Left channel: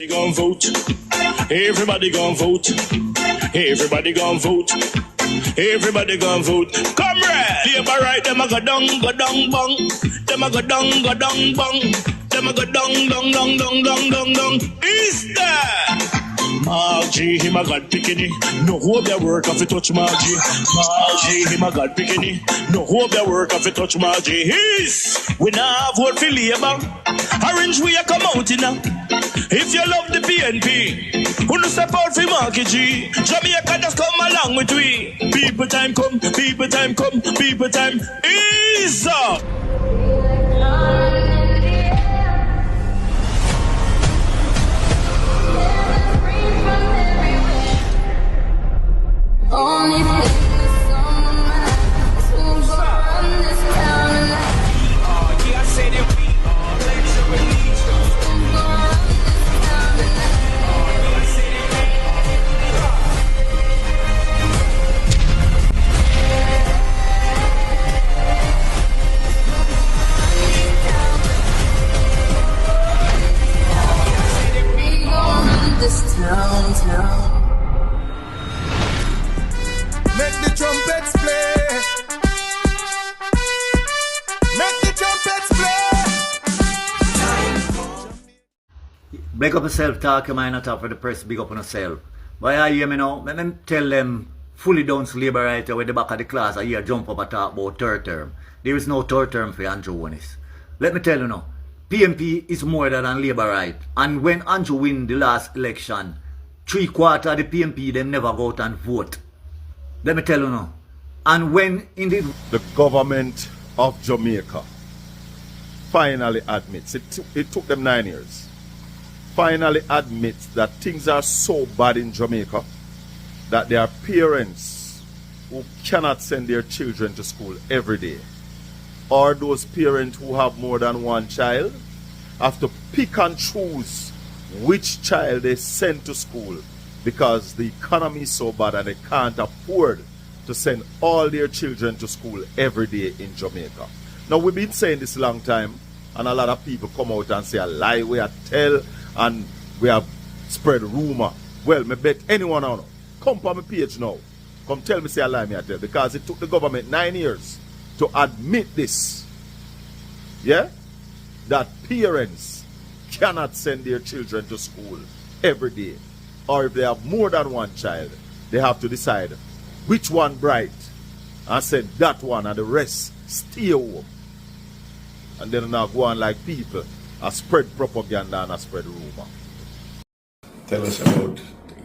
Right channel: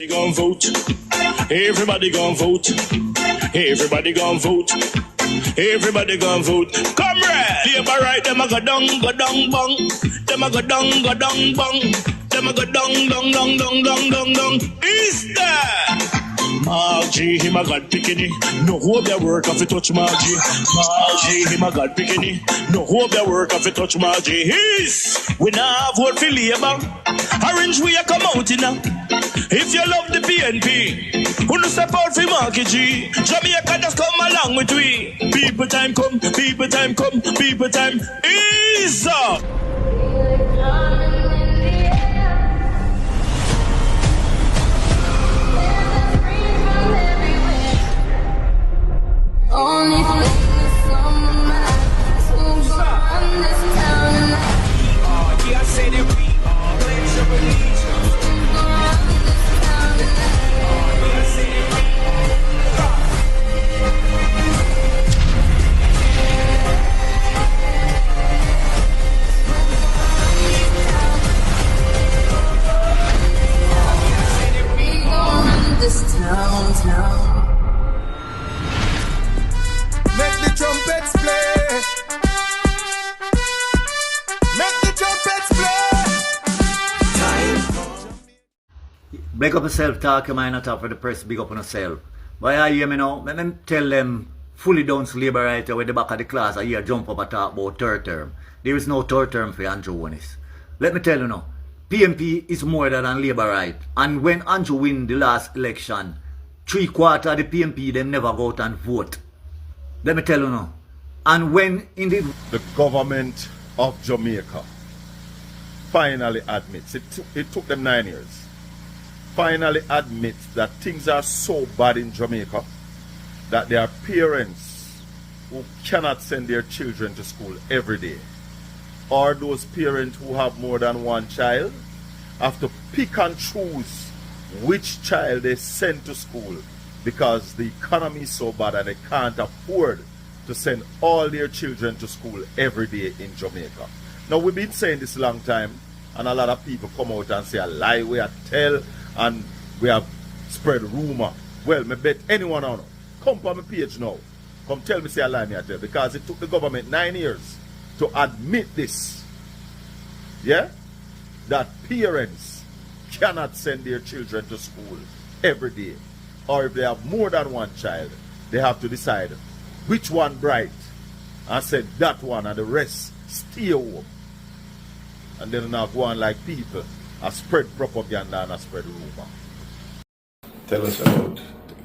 Gon' vote. Everybody gon' vote. Everybody gon' vote. Everybody gon' vote. Comrade! Labor right, them a go down, bang. Them a go down, bang. Them a go down. Is that? Margie, him a God picking. No hope their work if you touch Margie. Margie, him a God picking. No hope their work if you touch Margie. We now vote for Labour. Orange we a come out in now. If you love the PNP, who no step out for Marky G. Jamaica just come along with we. People time come, people time come, people time is up. Only thing that's on my mind is who's gonna run this town tonight. Yeah, I say that we are pledge of allegiance. Who's gonna run this town tonight? Yeah, I say that we We gonna run this town. Make the trumpets play. Make the trumpets play. Big up yourself, talk your mind not talk for the press, big up on yourself. But I hear me now, let me tell them fully down to Labour right away the back of the class, I hear jump up and talk about third term. There is no third term for Andrew Wanis. Let me tell you now, PMP is more than Labour right. And when Andrew win the last election, 3/4 of the PMP them never go out and vote. Let me tell you now. And when indeed The government of Jamaica finally admits, it took them 9 years, finally admits that things are so bad in Jamaica that there are parents who cannot send their children to school every day. Or those parents who have more than one child have to pick and choose which child they send to school because the economy is so bad and they can't afford to send all their children to school every day in Jamaica. Now, we've been saying this a long time, and a lot of people come out and say a lie, we are tell, and we have spread rumor. Well, me bet anyone on come on my page now. Come tell me say a lie me I tell, because it took the government 9 years to admit this. Yeah? That parents cannot send their children to school every day. Or if they have more than one child, they have to decide which one bright and send that one and the rest stay home. And then now go on like people and spread propaganda and spread rumor. Tell us about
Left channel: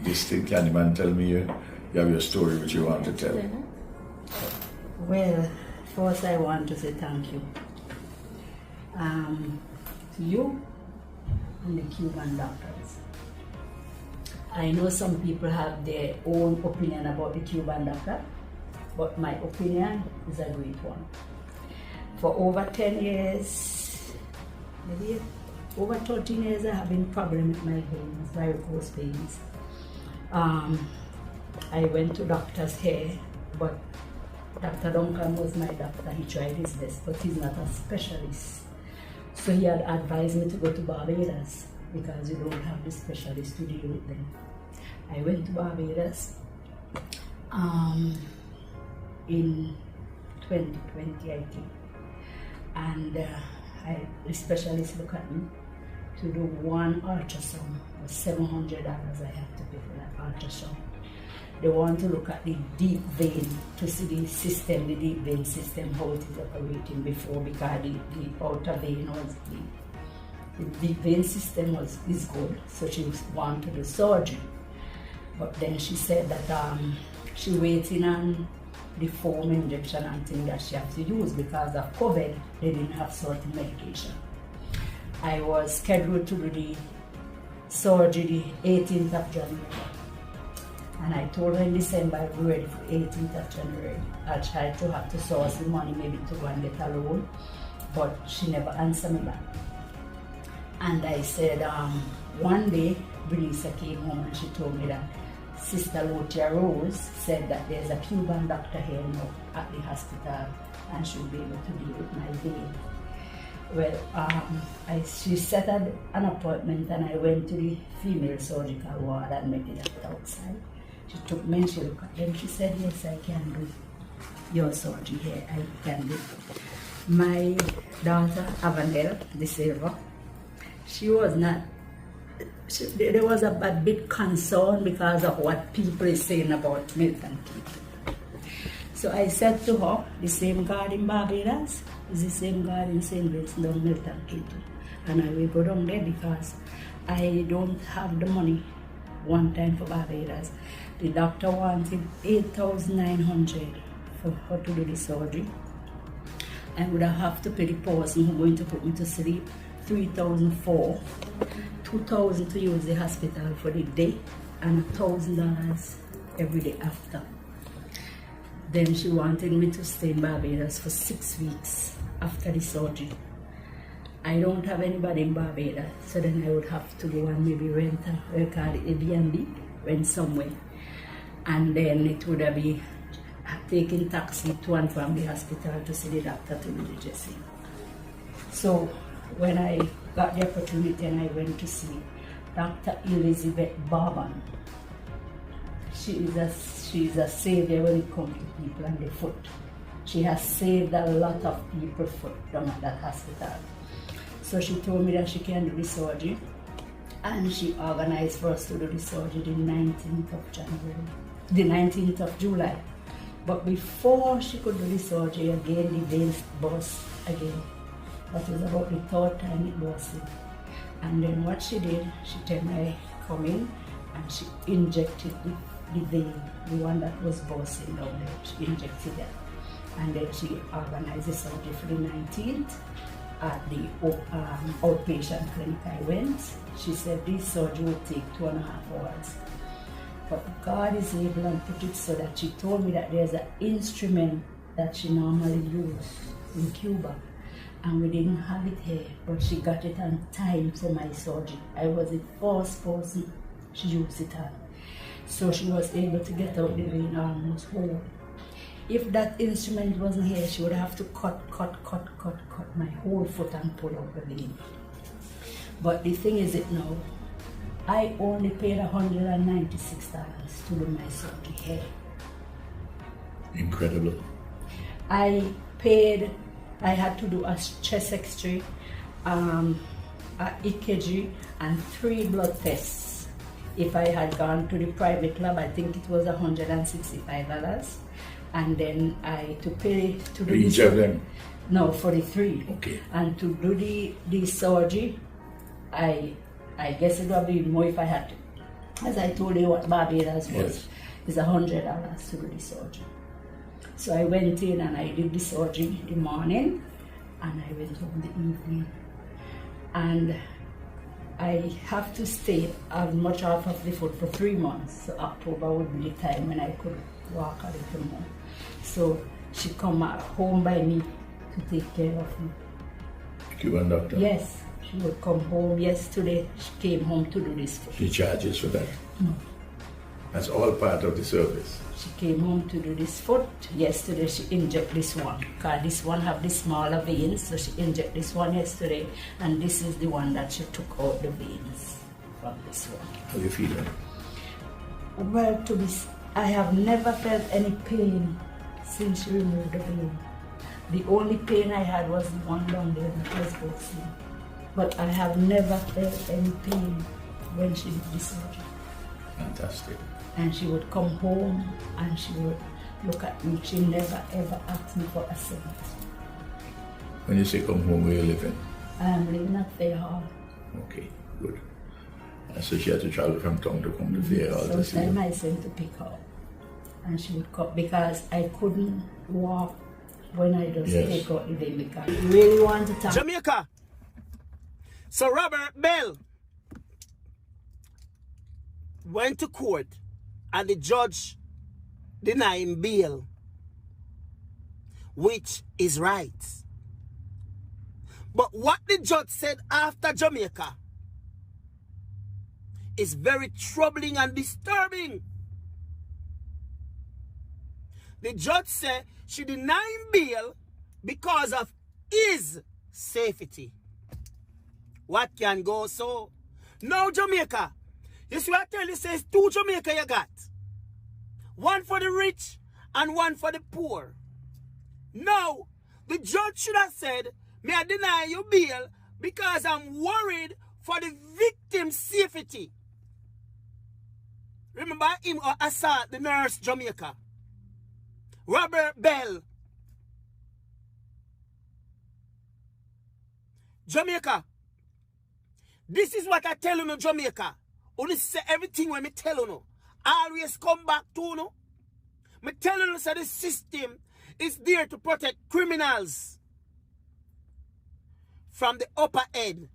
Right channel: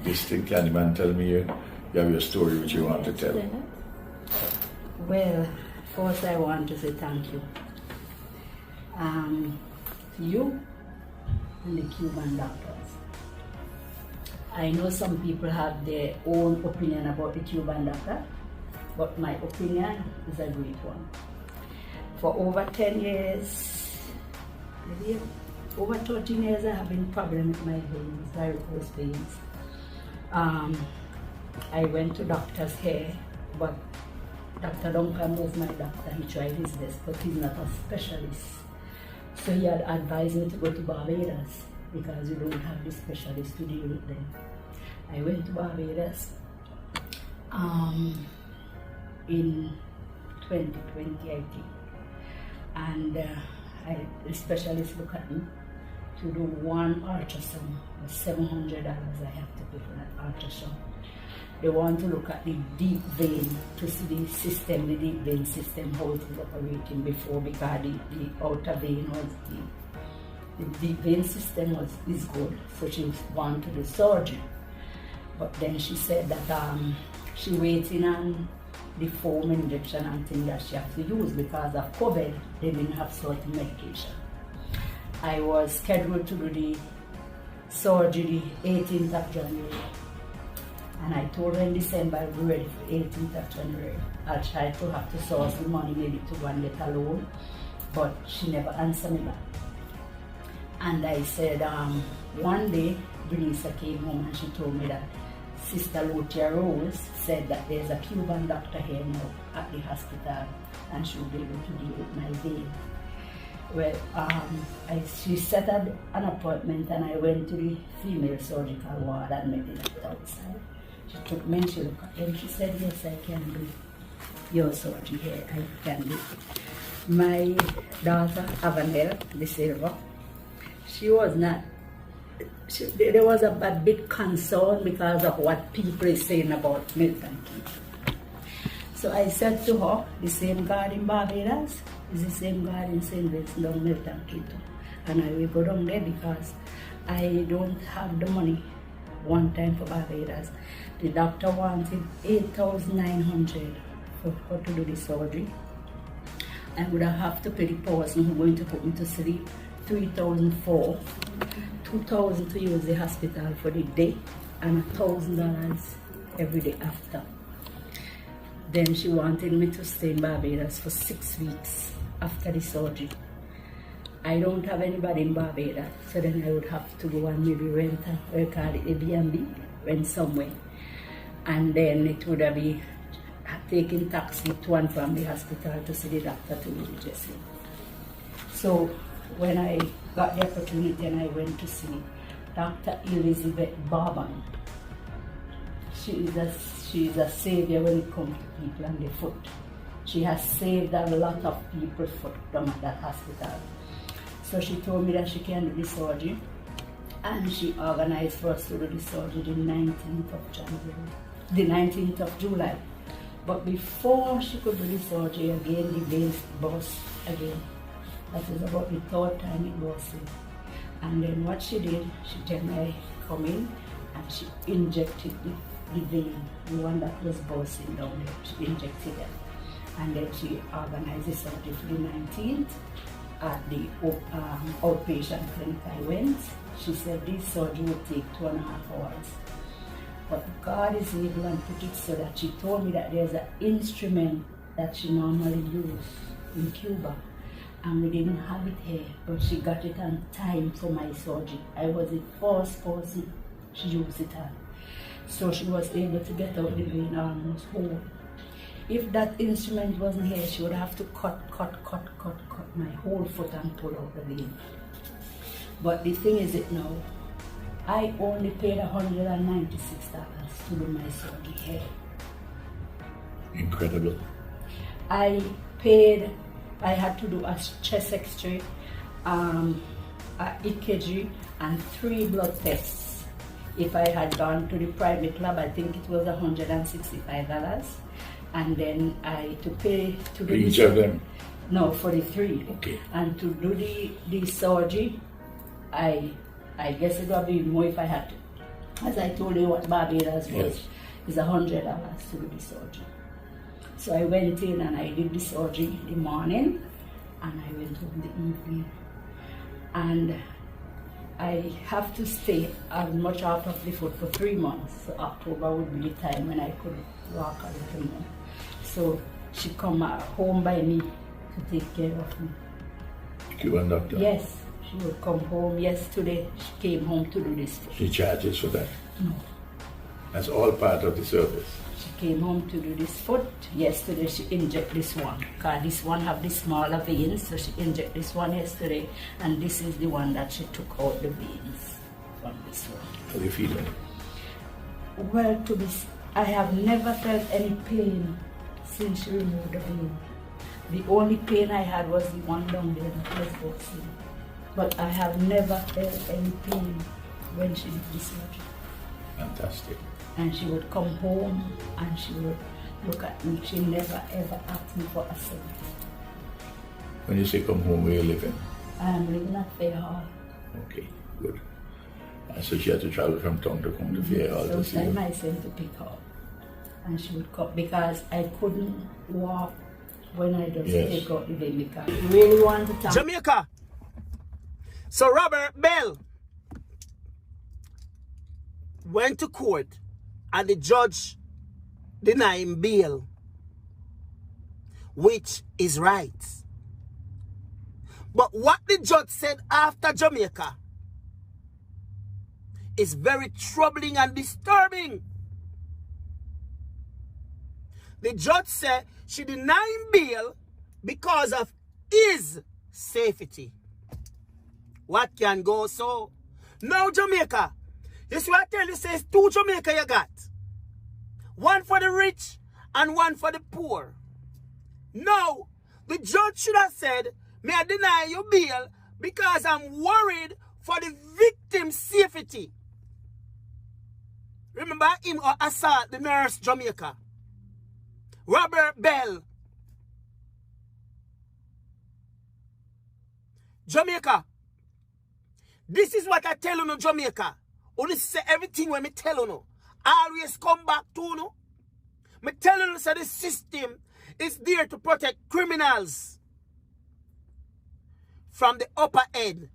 this thing, Candyman. Tell me you have your story which you want to tell. Well, first I want to say thank you. To you and the Cuban doctors. I know some people have their own opinion about the Cuban doctor, but my opinion is a great one. For over 10 years, maybe over 13 years, I have been problem with my veins, varicose veins. I went to doctors here, but Dr. Duncan was my doctor. He tried his best, but he's not a specialist. So he had advised me to go to Barbados because you don't have the specialists to deal with them. I went to Barbados in 2020, I think. And the specialist looked at me to do one ultrasound. It was $700 I have to pay for that ultrasound. They want to look at the deep vein to see the system, the deep vein system, how it is operating before, because the outer vein was the deep vein system is good, so she wanted to do surgery. But then she said that she waiting on the foam injection and thing that she has to use because of COVID, they didn't have certain medication. I was scheduled to do the surgery the 18th of January. And I told her in December I'll be ready for 18th of January. I'll try to have to source the money maybe to go and get a loan, but she never answered me back. And I said, one day, Vanessa came home and she told me that Sister Lotia Rose said that there's a Cuban doctor here now at the hospital and she'll be able to deal with my vein. Well, she set an appointment and I went to the female surgical ward and met the doctor outside. She took me and she looked at them. She said, yes, I can do your surgery here. I can do it. My daughter, Avanel De Silva, she was not, there was a bit concern because of what people are saying about Milton Keith. So I said to her, the same God in Barbados is the same God in St. Vincent of Milton Keith. And I will go down there because I don't have the money one time for Barbados. The doctor wanted 8,900 for her to do the surgery. I would have to pay the person who's going to put me to sleep 3,004, 2,000 to use the hospital for the day, and $1,000 every day after. Then she wanted me to stay in Barbados for 6 weeks after the surgery. I don't have anybody in Barbados, so then I would have to go and maybe rent we call it Airbnb, rent somewhere. And then it would be taking taxi to and from the hospital to see the doctor to do the dressing. So when I got the opportunity and I went to see Dr. Elizabeth Barban, she is a savior when it comes to people and the foot. She has saved a lot of people's foot from that hospital. So she told me that she can do the surgery, and she organized for us to do the surgery the 19th of January, the 19th of July. But before she could do the surgery again, the veins burst again. That was about the third time it busted. And then what she did, she told me I come in and she injected the vein, the one that was bursting down there. She injected that. And then she organized the surgery for the 19th at the outpatient clinic I went. She said this surgery would take 2.5 hours. But God is able and put it so that she told me that there's an instrument that she normally uses in Cuba. And we didn't have it here, but she got it on time for my surgery. I was the first person she used it on. So she was able to get out the vein almost whole. If that instrument wasn't here, she would have to cut my whole foot and pull out the vein. But the thing is it now, I only paid $196 to do my surgery here. Incredible. I had to do a chest x-ray, a EKG, and 3 blood tests. If I had gone to the private lab, I think it was $165. And then to pay to do each of them? No, for the 3. Okay. And to do the surgery, I guess it would be more if I had to. As I told you what Barbados was, Yes. is $100 to do the surgery. So I went in and I did the surgery in the morning and I went home in the evening. And I have to stay as much off of the foot for 3 months. So October would be the time when I could walk a little more. So she come home by me to take care of me. Cuban doctor? Yes, she would come home. Yesterday she came home to do this. She charges for that? No. That's all part of the service? She came home to do this foot. Yesterday she inject this one. Because this one have the smaller veins, so she inject this one yesterday. And this is the one that she took out the veins from this one. How do you feel? Well, I have never felt any pain since she removed the vein. The only pain I had was the one down there that was boxing. But I have never felt any pain when she did the surgery. Fantastic. And she would come home and she would look at me. She never ever asked me for a cent. When you say come home, where you living? I am living at Fair Hall. Okay, good. And so she had to travel from town to come to Fair Hall to see Sometimes you? I sent to pick her. And she would come because I couldn't walk when I just take out the baby car. I really want to thank Jamaica. So Robert Bell went to court and the judge denied him bail, which is right. But what the judge said after Jamaica is very troubling and disturbing. The judge said she denied him bail because of his safety. What can go so? Now Jamaica, this is what I tell you, says 2 Jamaica you got. One for the rich and one for the poor. No, the judge should have said, may I deny you bail because I'm worried for the victim's safety. Remember him or assault the nurse Jamaica. Robert Bell. Jamaica. This is what I tell you, Jamaica. Only say everything when me tell you. Always come back to you. Me tell you that the system is there to protect criminals from the upper end.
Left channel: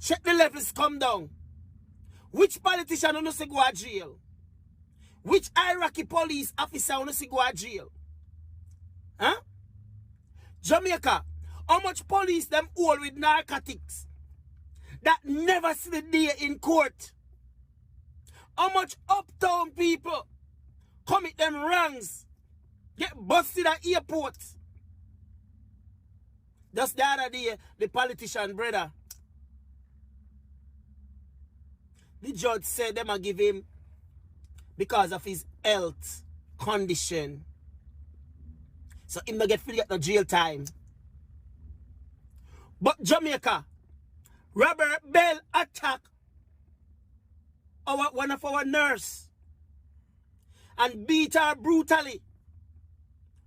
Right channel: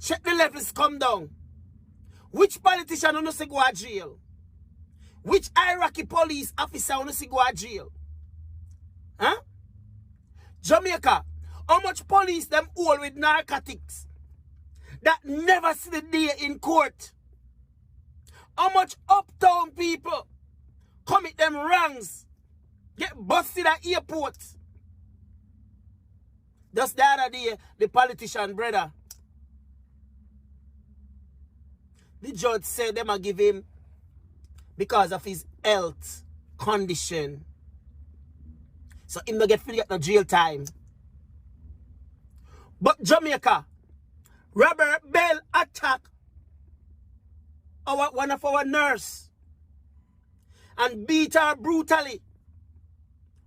Check the levels come down. Which politician wanna say go to jail? Which Iraqi police officer wanna say go to jail? Huh? Jamaica, how much police them all with narcotics that never see the day in court? How much uptown people commit them wrongs, get busted at airports? Just the other day, the politician brother, the judge said them a give him because of his health condition. So him not get free at no jail time. But Jamaica, Robert Bell attacked one of our nurse and beat her brutally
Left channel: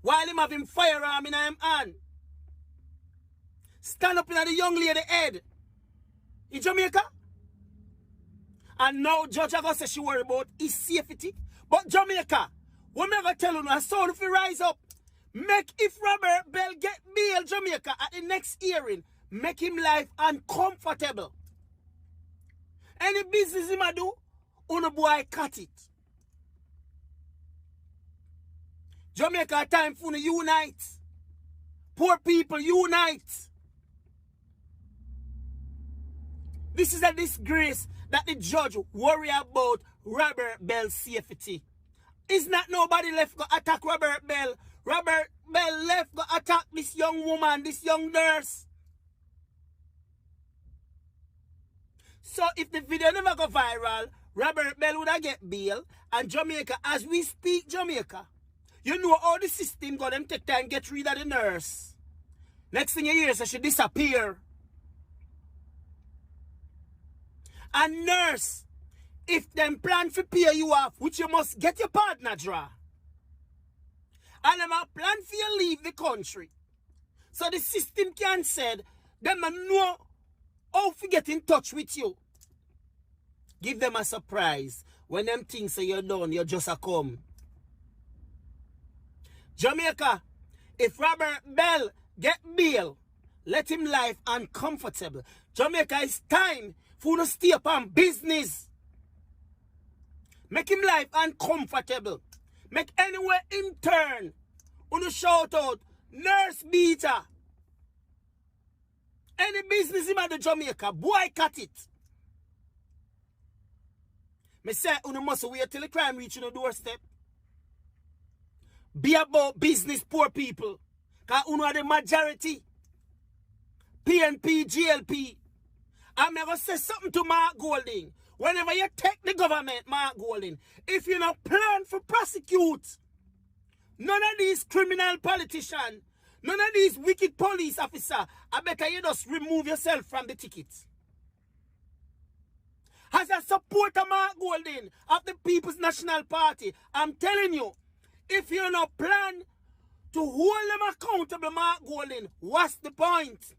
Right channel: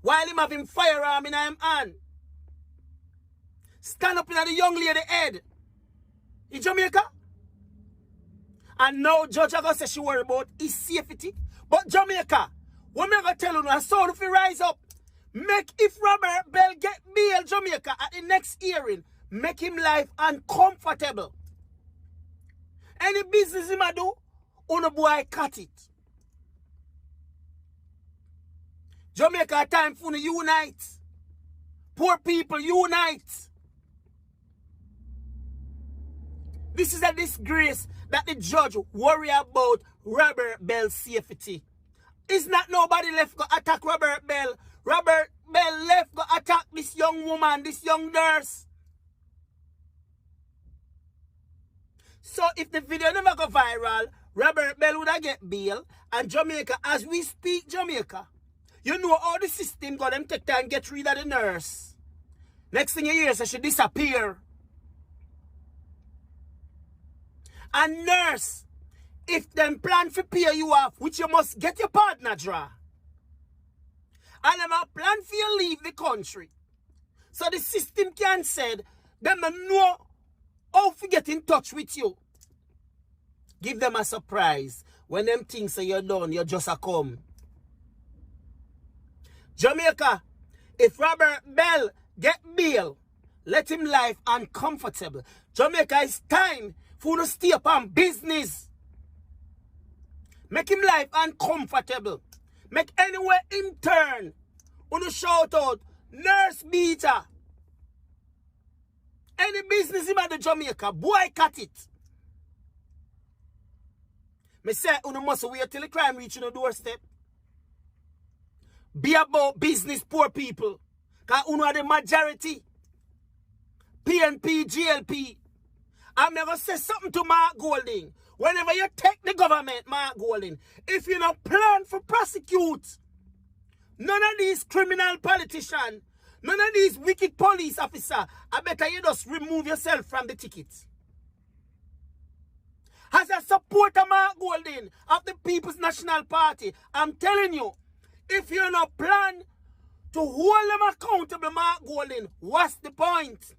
while him having firearm in him hand. Stand up in the young lady head in Jamaica. And now judge are going to say she worry about his safety. But Jamaica, what I'm going to tell you now, so if you rise up, make if Robert Bell get bail Jamaica at the next hearing, make him life uncomfortable. Any business him a do, on a boy cut it. Jamaica time for the unite. Poor people unite. This is a disgrace that the judge worry about Robert Bell's safety. Is not nobody left go attack Robert Bell. Robert Bell left go attack this young woman, this young nurse. So if the video never go viral, Robert Bell would have get bail. And Jamaica, as we speak Jamaica, you know how the system got them take time get rid of the nurse. Next thing you hear, so she disappear. And nurse, if them plan to pay you off, which you must get your partner draw, and them a plan for you leave the country, so the system can said them know how to get in touch with you. Give them a surprise. When them things say you're done, you just a come. Jamaica, if Robert Bell get bail, let him life uncomfortable. Jamaica, it's time for to stay up on business. Make him life uncomfortable. Make anywhere him turn. On the shout out, nurse beater. Any business him at the Jamaica, boycott it. Me say, you must wait till the crime reach your doorstep. Be about business, poor people. Because you are the majority. PNP, GLP. I'm going to say something to Mark Golding. Whenever you take the government, Mark Golding, if you don't plan for prosecute none of these criminal politicians, none of these wicked police officers, I better you just remove yourself from the ticket. As a supporter, Mark Golding, of the People's National Party, I'm telling you, if you don't plan to hold them accountable, Mark Golding, what's the point?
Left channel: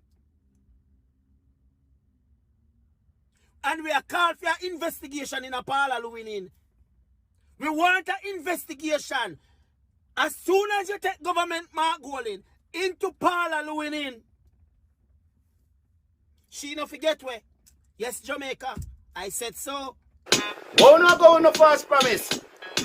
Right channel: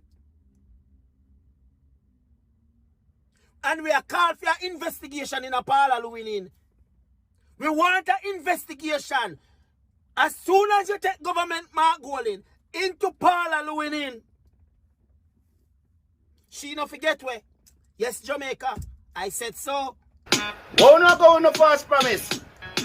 And we are called for an investigation in a Paula Llewellyn. We want an investigation. As soon as you take government Mark Golding into Paula Llewellyn, she not forget where. Yes, Jamaica. I said so. Oh, not go on the false promise.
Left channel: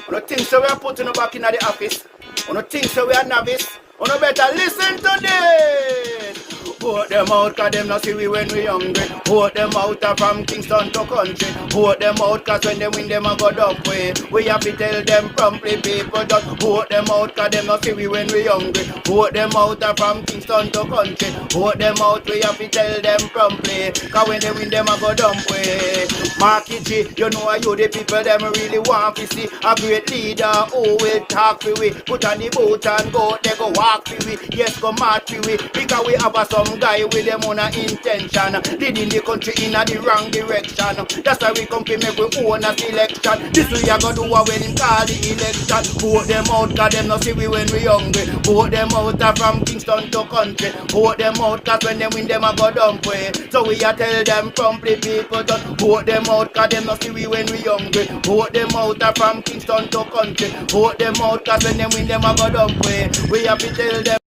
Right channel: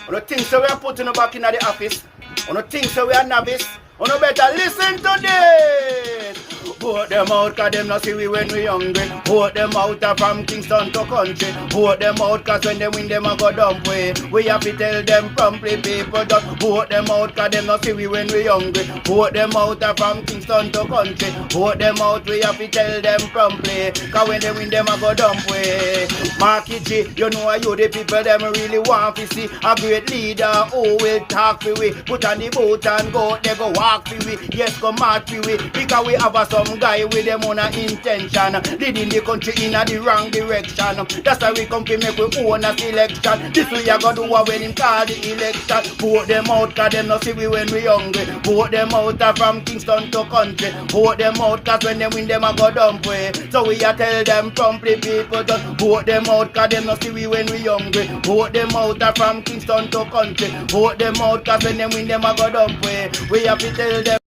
On the things that we are putting back in the office. On the things that we are novice. You no better listen to this. Vote them out, cause them not see we when we hungry. Vote them out from Kingston to country. Vote them out, cause when they win them a go dump way. We have to tell them promptly, people just vote them out, cause them not see we when we hungry. Vote them out from Kingston to country. Vote them out, we have to tell them promptly, cause when they win them a go dump way. Marky G, you know you the people them really want to see a great leader who will talk to we. Put on the boat and go, they go walk to we. Yes, go march to we, because we have some guy with them on a intention, leading the country in a the wrong direction. That's why we come to make we own a selection. This we are gonna do a wedding call the election. Vote them out, cause them not see we when we hungry. Vote them out from Kingston to country. Vote them out, cause when they win them a go dump way. So we a tell them promptly, people just vote them out, cause them not see we when we hungry. Vote them out from Kingston to country. Vote them out, cause when they win them a go dump way. We have to tell them